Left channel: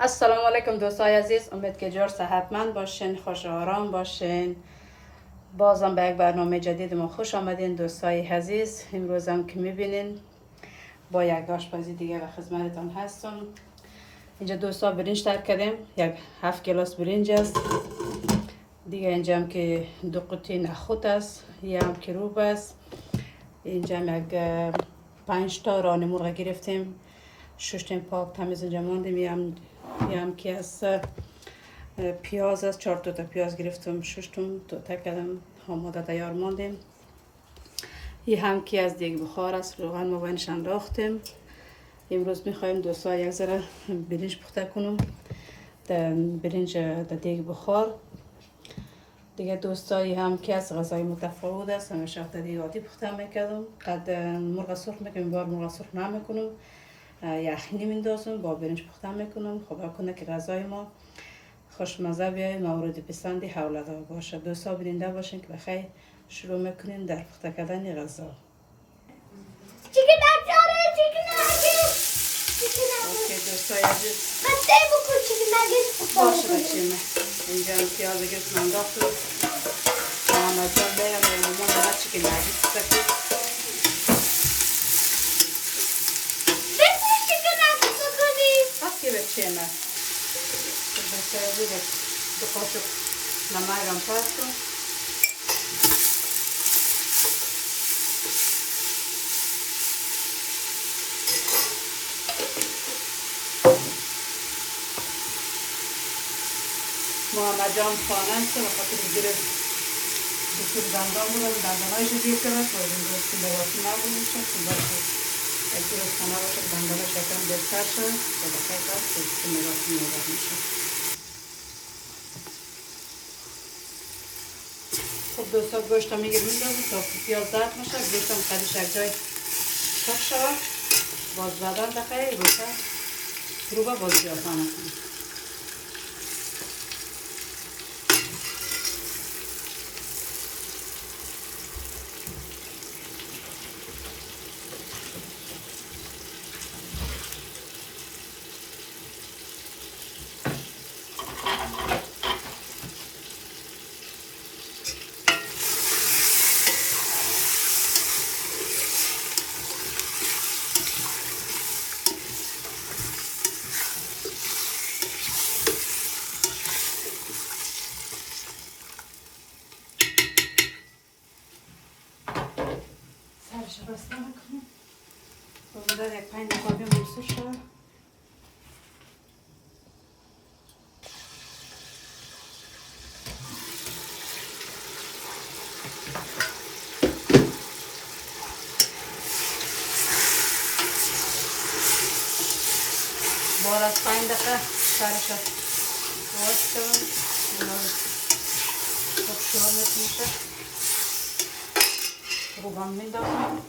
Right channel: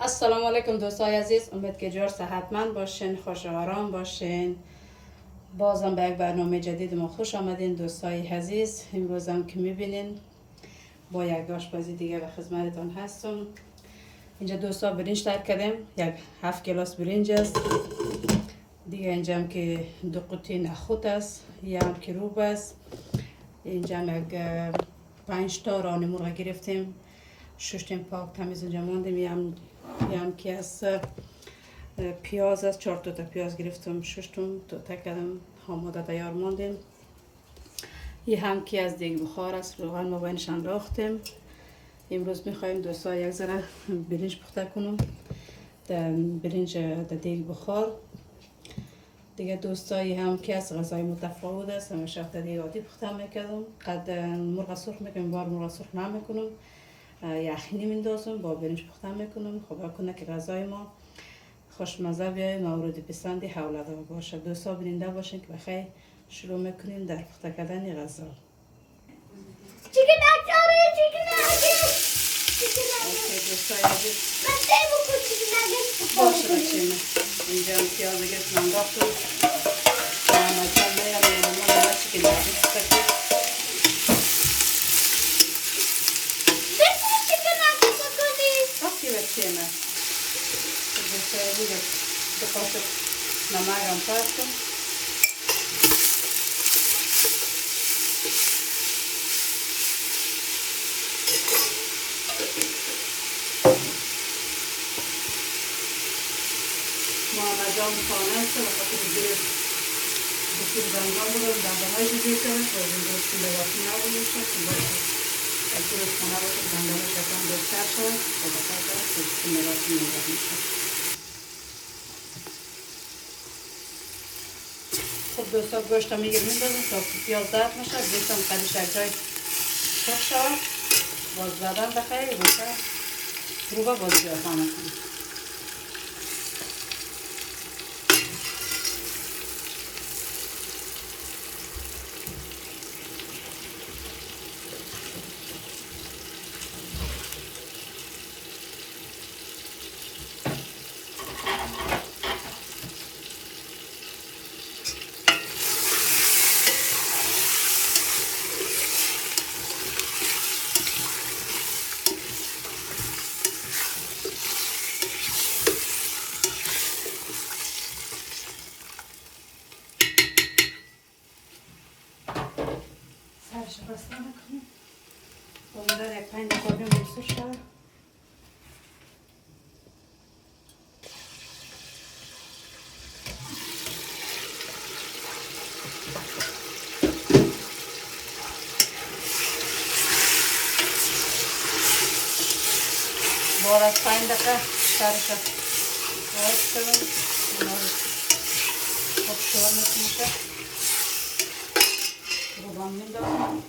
السلام علیکم دوستای عزیز، امید که جور صحتمند باشین، خوش و آرام باشین. بازم به یک برنامه جدید ما خوش آمدین دوستای عزیز. امروز هم که میبینین با یک آشپزی دیگه به خدمتتان هستم. اینجا دوستا برنج تر کردیم، یک 7 گلاس برنج است. دیگه اینجا هم که 2 قوطی نخود است، یه هم کروب است. اینجا هم یک 5 تا ران مرغ گرفتیم، شش پاک تمیز اینجا ماندیم. یه هم که از پیاز است، 4 تا پیاز گرفتم، 6 تا کردم آماده تیار ماندیم. یه هم که از دیگ بخار است، روغن ما بینش انداختیم. امروز میخوایم دوستا یک ذره برنج پخته کنم، برنج در دیگ بخار. دیگه دوستایی هم که از غذای متفاوت است، همیشه در دیگ عادی پخته میکردم. قد مرغ سرخ میکنم، بار مرغ سرخ نمیکنم، یخنی میندازم با برنج پخته میکنم. خب کنه که غذای ما خوشمزه بیاید، مورد پسندی حولدار باشه. دوستا بیننده باشین که بخیر شروع میکنیم در پخته کردن غذا. Chicken nuggets, chicken nuggets, chicken nuggets. اوکی دوستای عزیز، من سه بکن chicken nuggets. باشه بچه من اینجا هم پیاز گرفتم انداختم. محمد جان میرم مهمون دارد چیکن نگیس بکنیم. بسه chicken nuggets بکنی. اوکی بچه من دوستای عزیز، 2 قاشق نمک هم پاک کن. محمد جان خانه شد و خاطر بگیره بسید دندان بودم، دندانهایش دیر کرد و این روز که لباسی نبودیم شد که باشه اگه روز خانه باشه دندانهایش بکن بهتر شد و بخیر دست که لباسی نگاه میشه. خب دوستا گوشت هم میگیر میندازم تا پیاز زرد میشه. گوشت هم قدیش یک جای سرخ شد، باز زدن بخیر روشه روبه باز بیاد آمد کنم. سرش بسته نکنم، بمیدار یک 5 دقیقه بموسه شد. بعد از 5 دقیقه سرش باز کنم، خوب شور میشه. روغن میندازم.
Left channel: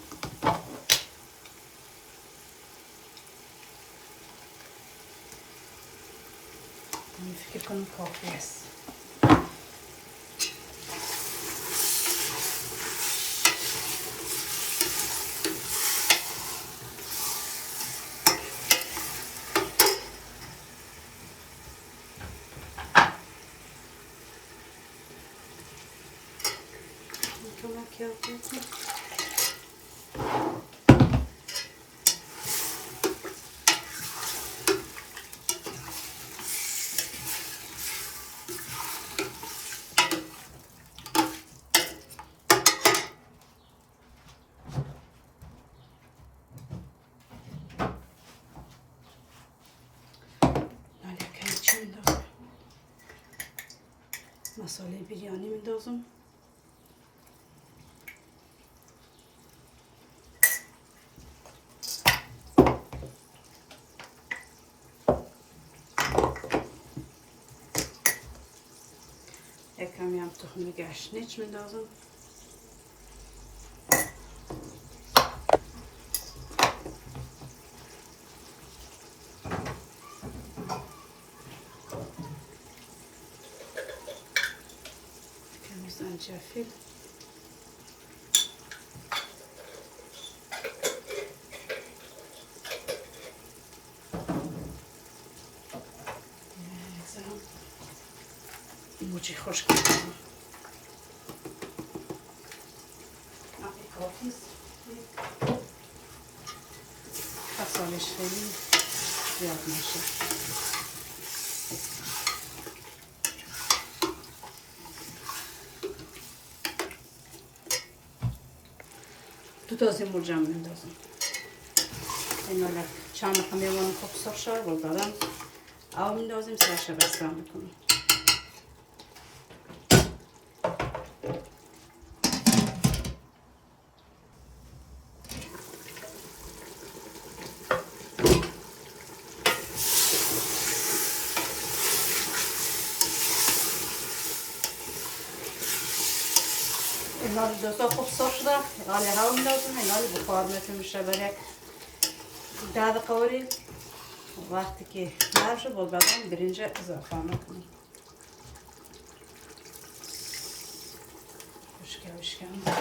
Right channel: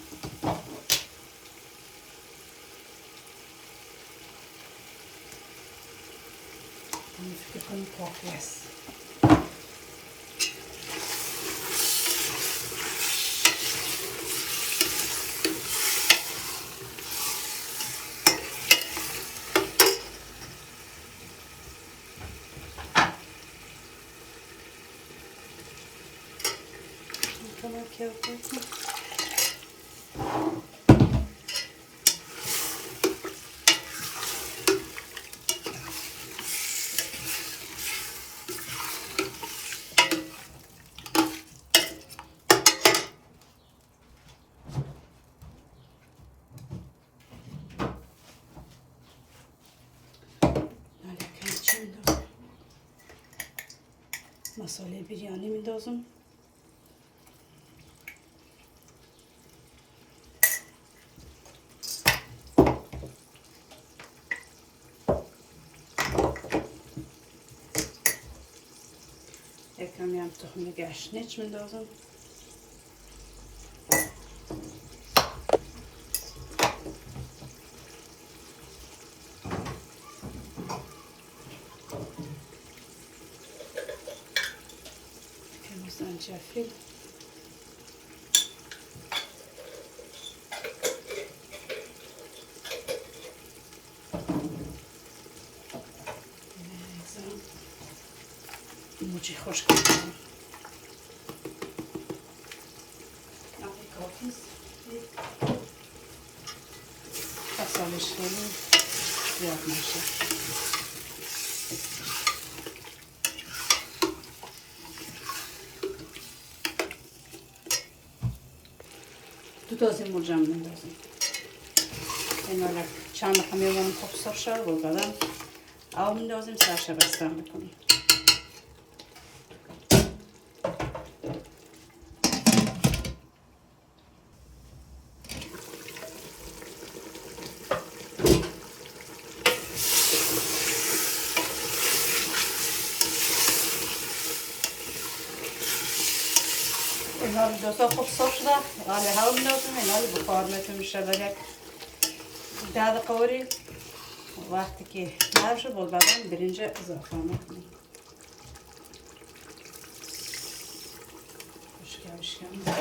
فکر کنم کافی است. مساله بریانی میندازم. یک کمی هم تخم گشنیج میندازم. کمی زنجفیل. موچی خوش کنم کافی است اصالش خیلی زیاد نشه دو تازه مرجم نندازم اینا را چند دقیقه میمونم خوب سرخ شد و بعدم آب میندازیم سرش بستم میکنیم اینا رو دوستا خوب سرخ شده حالی هوا میندازم اینا رو بخار میتونیم میشه برای یک 10 دقیقه وری وقتی که نرم شد باز بعدم برنج اضافه میکنیم بشکم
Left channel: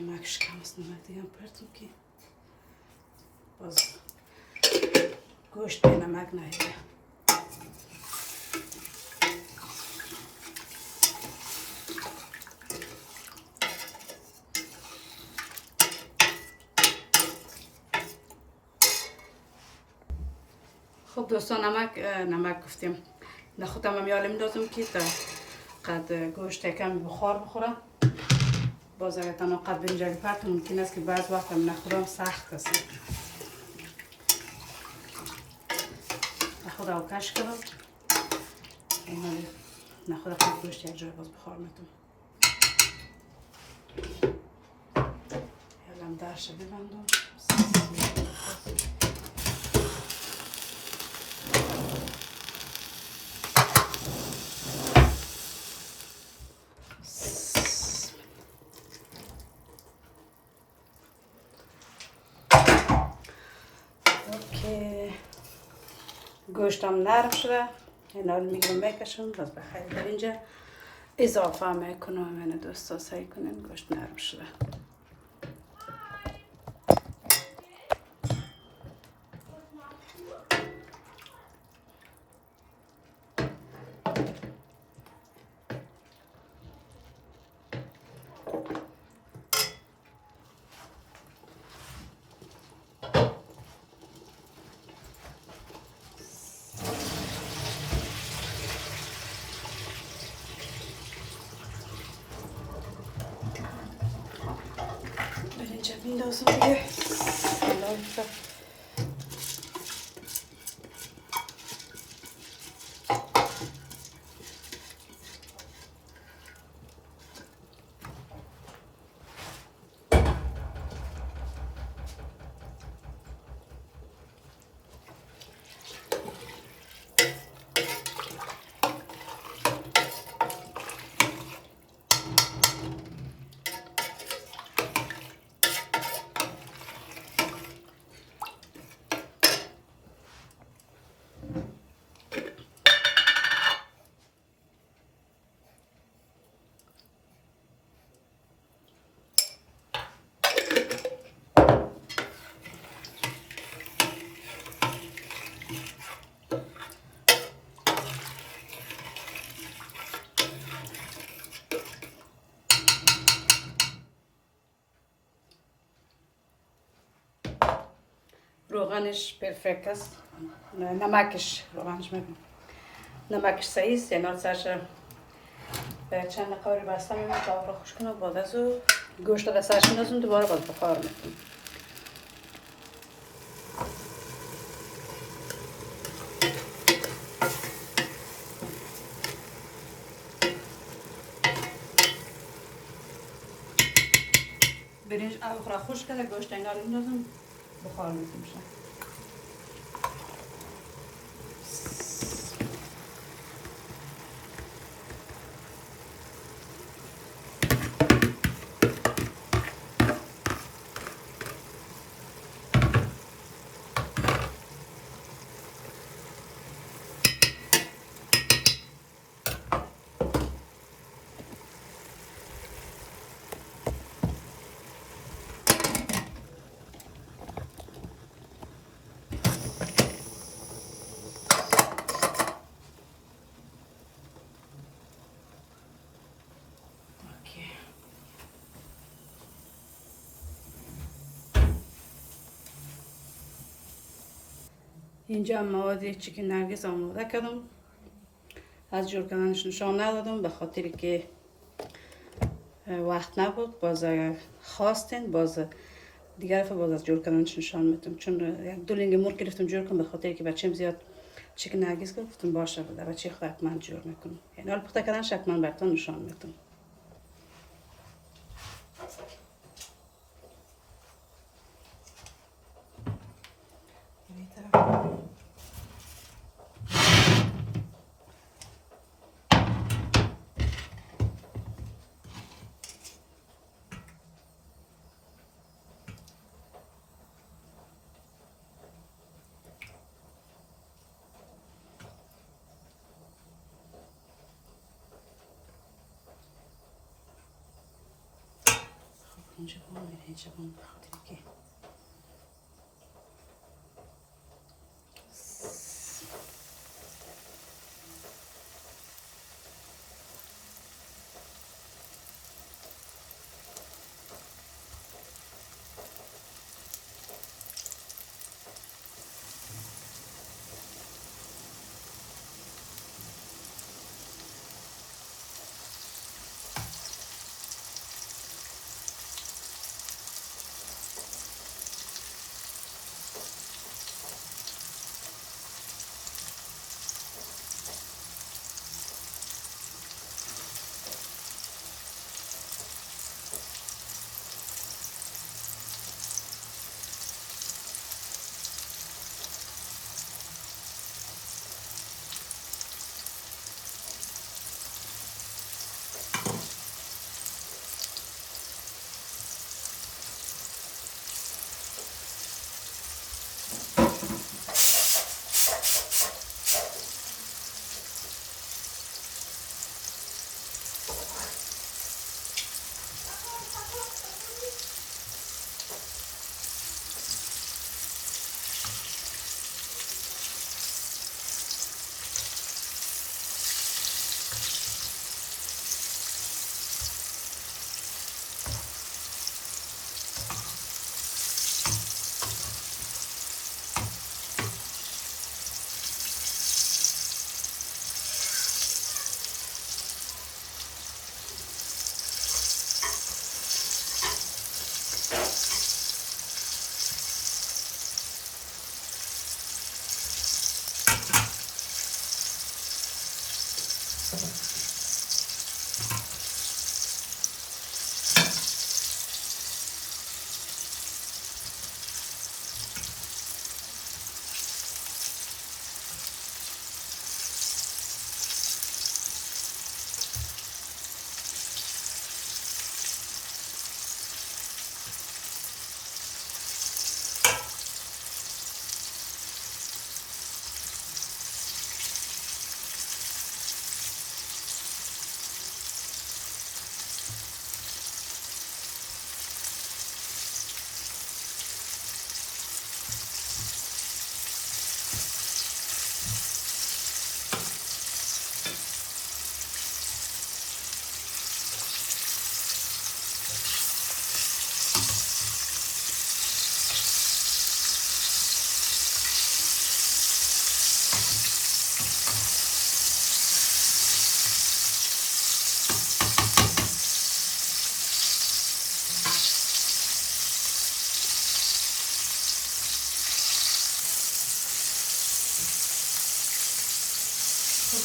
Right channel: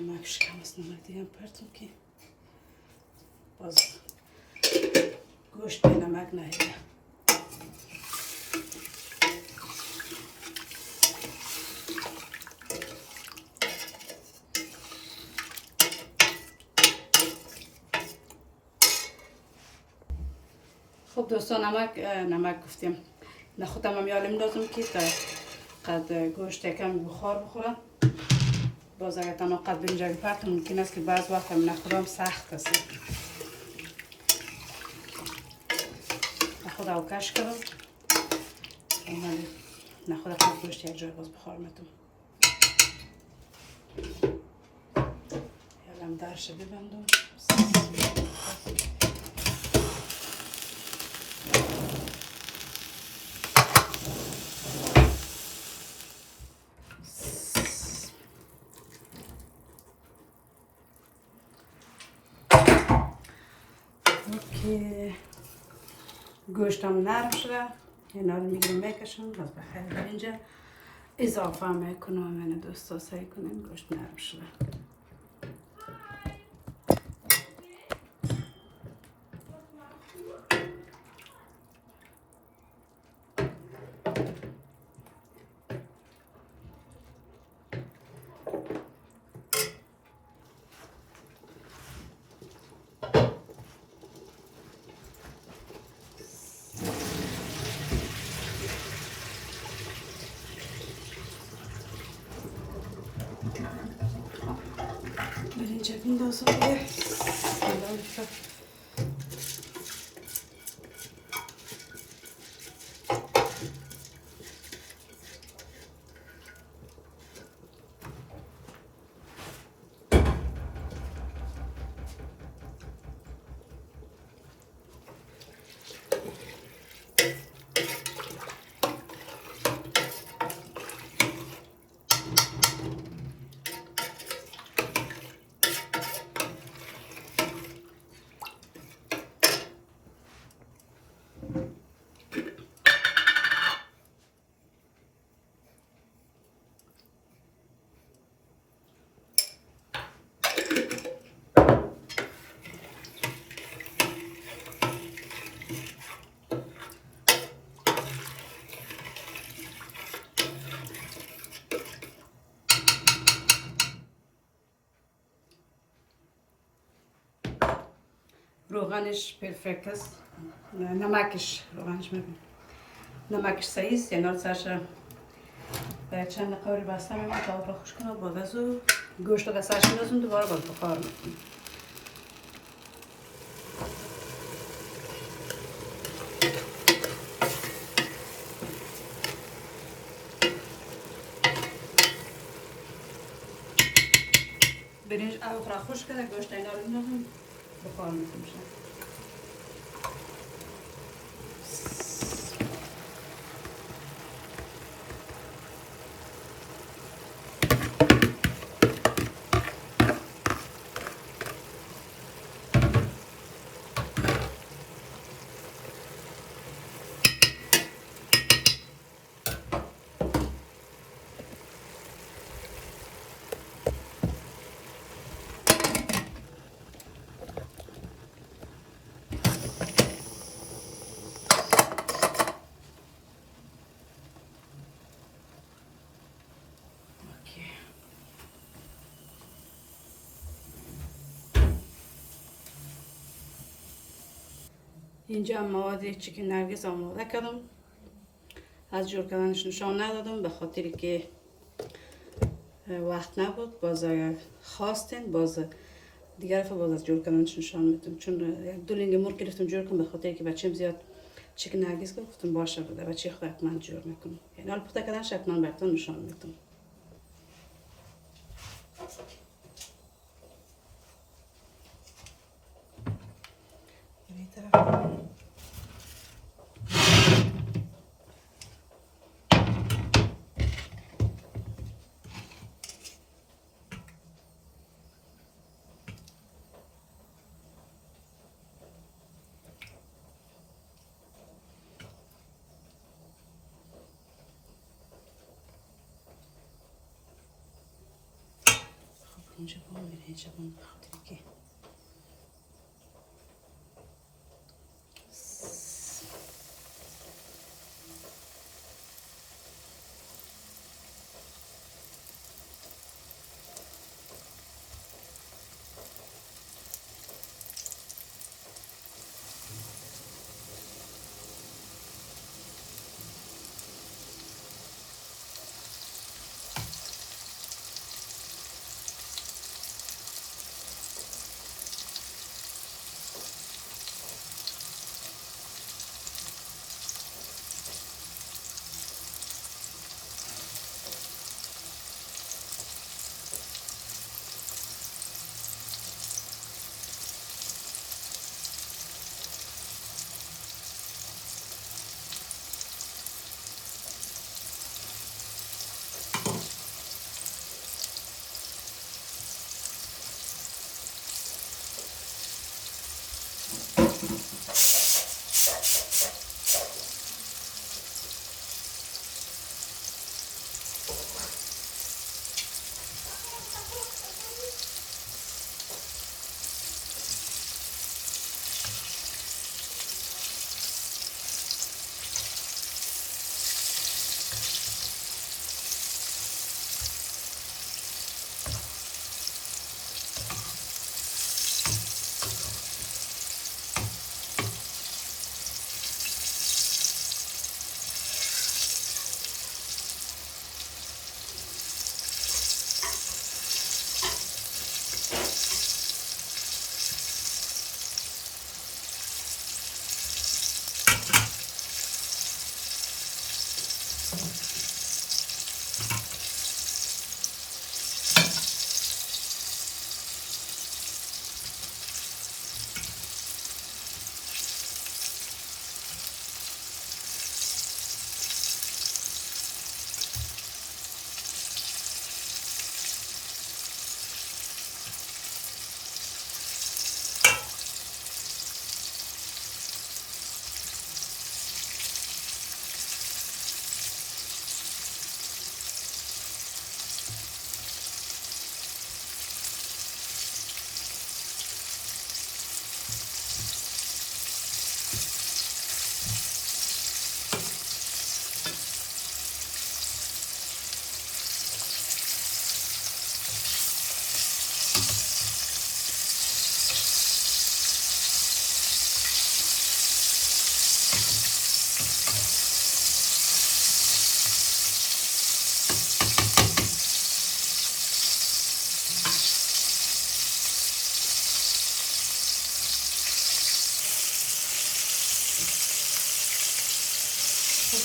نمکش کم است نمک دیگه هم پرتم که باز گوشت به نمک نهیده خب دوستان نمک گفتیم نخودم هم یالم دادم که تا قد گوشت کم بخار بخوره باز اگر تنها قد برنجال پرت ممکن است که بعض وقت هم نخودم سخت است نخود او کش کردم نخود قد گوشت یک جای باز بخار میتونم یالم درش ببندم گوشتم نرم شده اینا رو میگیرم بکشم باز به خیلی برنج اضافه میکنم این دوستا سعی کنین گوشت نرم شده برنج بندازم که روغنش پرفکت است نمکش روغنش میگم نمکش صحیح است یعنی سرش چند دقیقه بسته میکنم تا آب را خوش کنم بعد از او گوشت را سرش میندازم دوباره باز بخار میکنم برنج آب را خوش کنه گوشت اینا رو میندازم بخار میکنم اینجا مواد چیکن نرگس آماده کردم. از جور کردنش نشان ندادم به خاطر که وقت نبود. باز اگر خواستین باز دیگر دفعه باز از جور کردنش نشان میدم، چون یک دو لنگ مرغ گرفتم جور کنم به خاطر که بچه‌م زیاد چیکن نرگس گفتم باشه بده بچه خود حتما جور میکنم. یعنی حال پخته کردنش حتما براتون نشان میدم. اینجا با میره اینجا با بخاطر که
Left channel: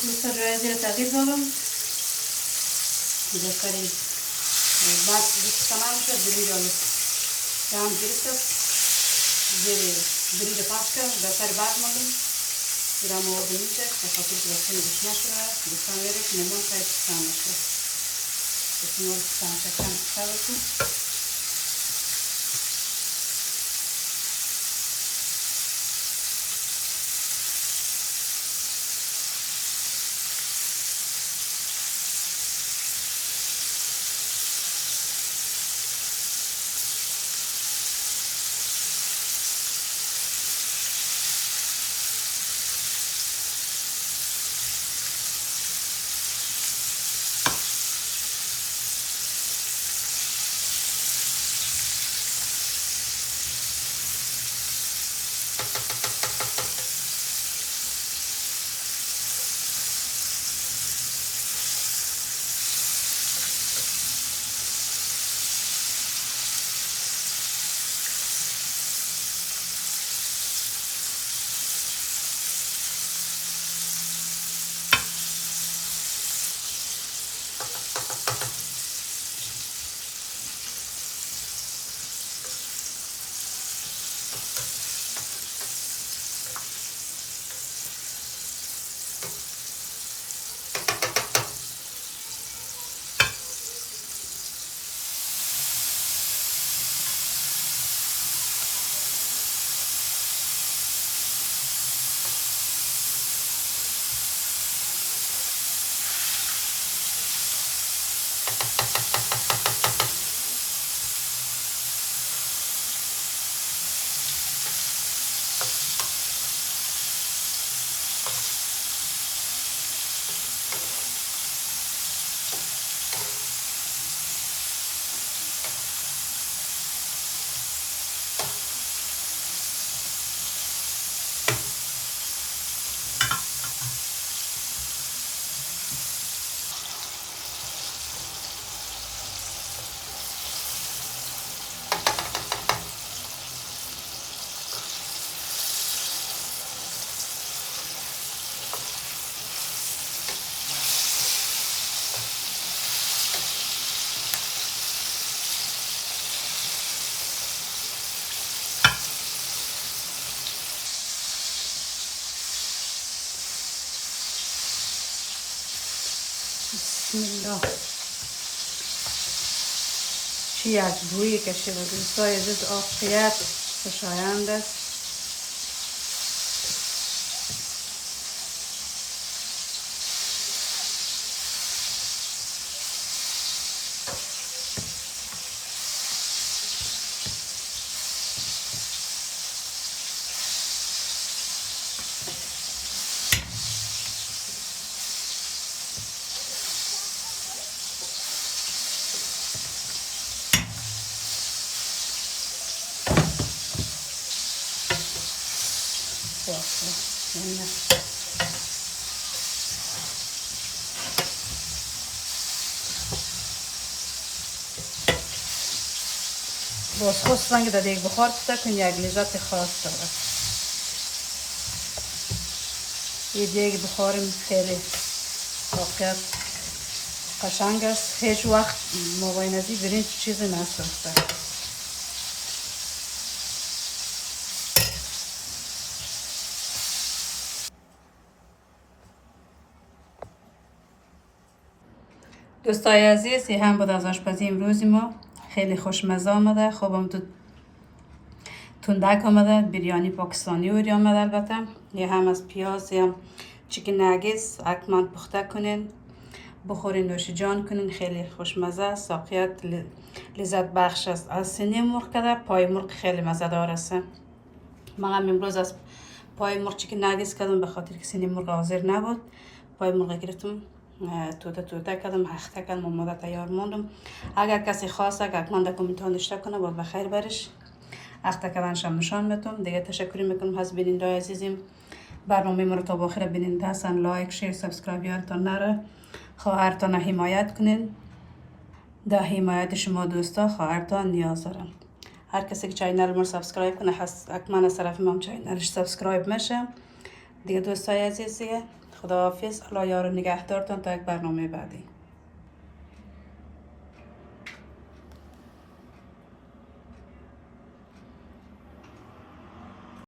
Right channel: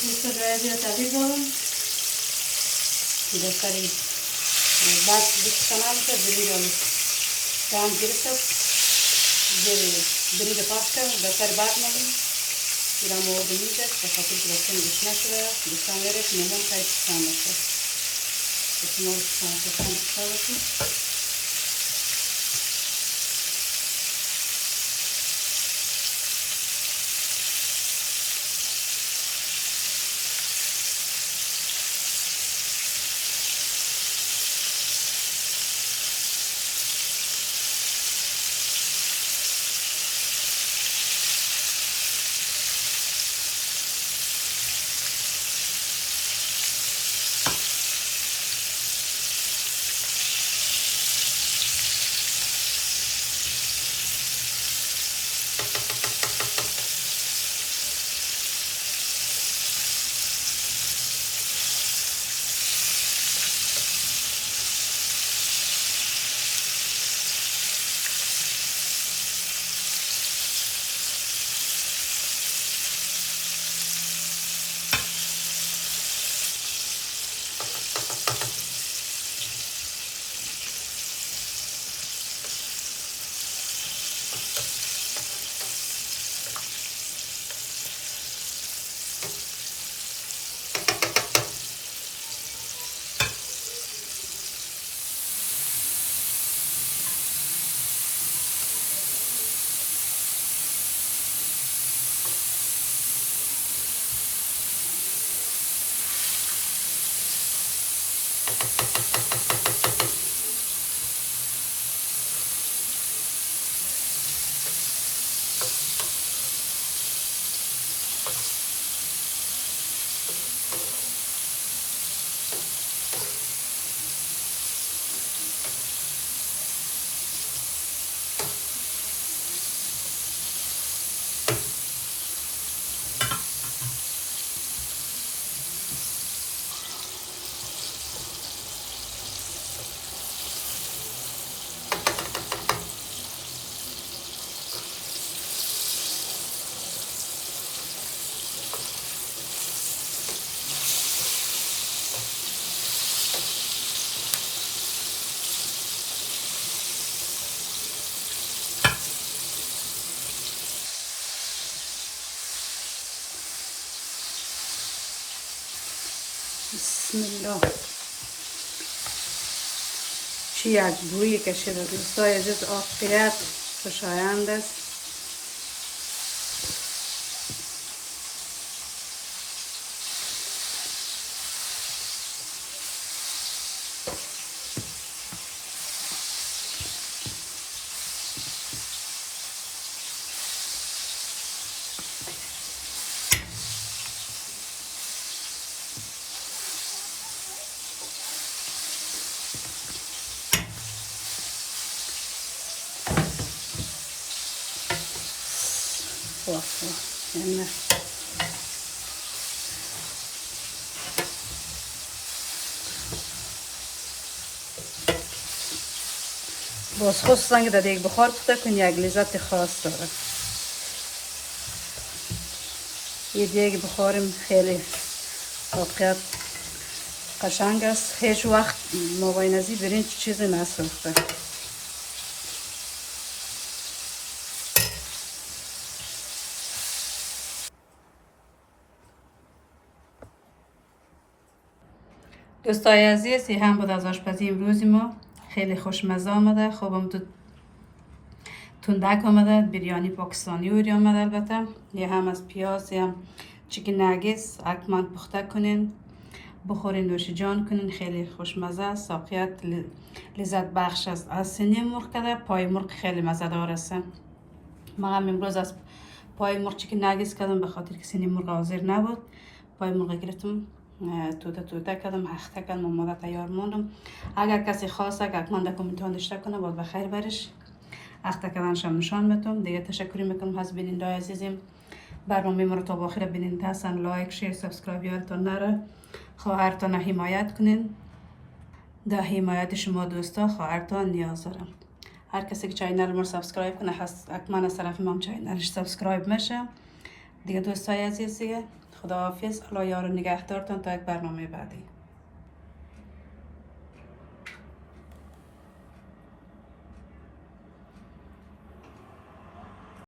دوستان جای زیر تغییر دادم بسری بعد دوست تمام شد برید آلو تمام گرفته زیر برید پاس کرد بسری بعد مالیم ایران مواد میشه به خاطر که بسری گوش نشده دوستان میره که نمون تایی پسان نشده بسیار پسان بسید بسم الله. چی یک بویی کشیده دوستای عزیز، عافیت خوشایند است. باز خواستن که در یک بخار بتکن یک لذت خاص داره. یه دیگه بخارم خیلی واقعیت قشنگ است. هیچ وقت موقع نزی برین چیزی نسوخته. دوستای عزیز، این هم بود از آشپزی امروز ما. خیلی خوشمزه آمده، خوبم تو تندک آمده، بریانی پاکستانی اوری آمده. البته یه هم از پیاز یا چیکن نگیس حتما پخته کنین، بخورین، نوش جان کنین. خیلی خوشمزه است، ساقیت لذت بخش است. از سینی مرغ کده، پای مرغ خیلی مزه دار است. من هم امروز از پای مرغ چیکن نگیس کردم به خاطر که سینی مرغ حاضر نبود. پای مرغ گرفتم، توته کردم، هخته کردم، آماده تیار موندم. اگر کسی خواسته که حتما در کامنت ها نوشته کنه، باید بخیر برش. هخته کردنش هم نشان میتونم. دیگه تشکر میکنم از بیننده عزیزم. برنامه ما رو تا آخر بیننده هستن. لایک، شیر، سابسکرایب یادتان نره. خواهرتان حمایت کنین. در حمایت شما دوستا خواهرتان نیاز دارم. هر کسی که چینل ما سابسکرایب کنه حتما از طرف ما چینلش سابسکرایب میشه. دیگه دوستای عزیز، خداحافظ. الله یار و نگهدارتان تا یک برنامه بعدی.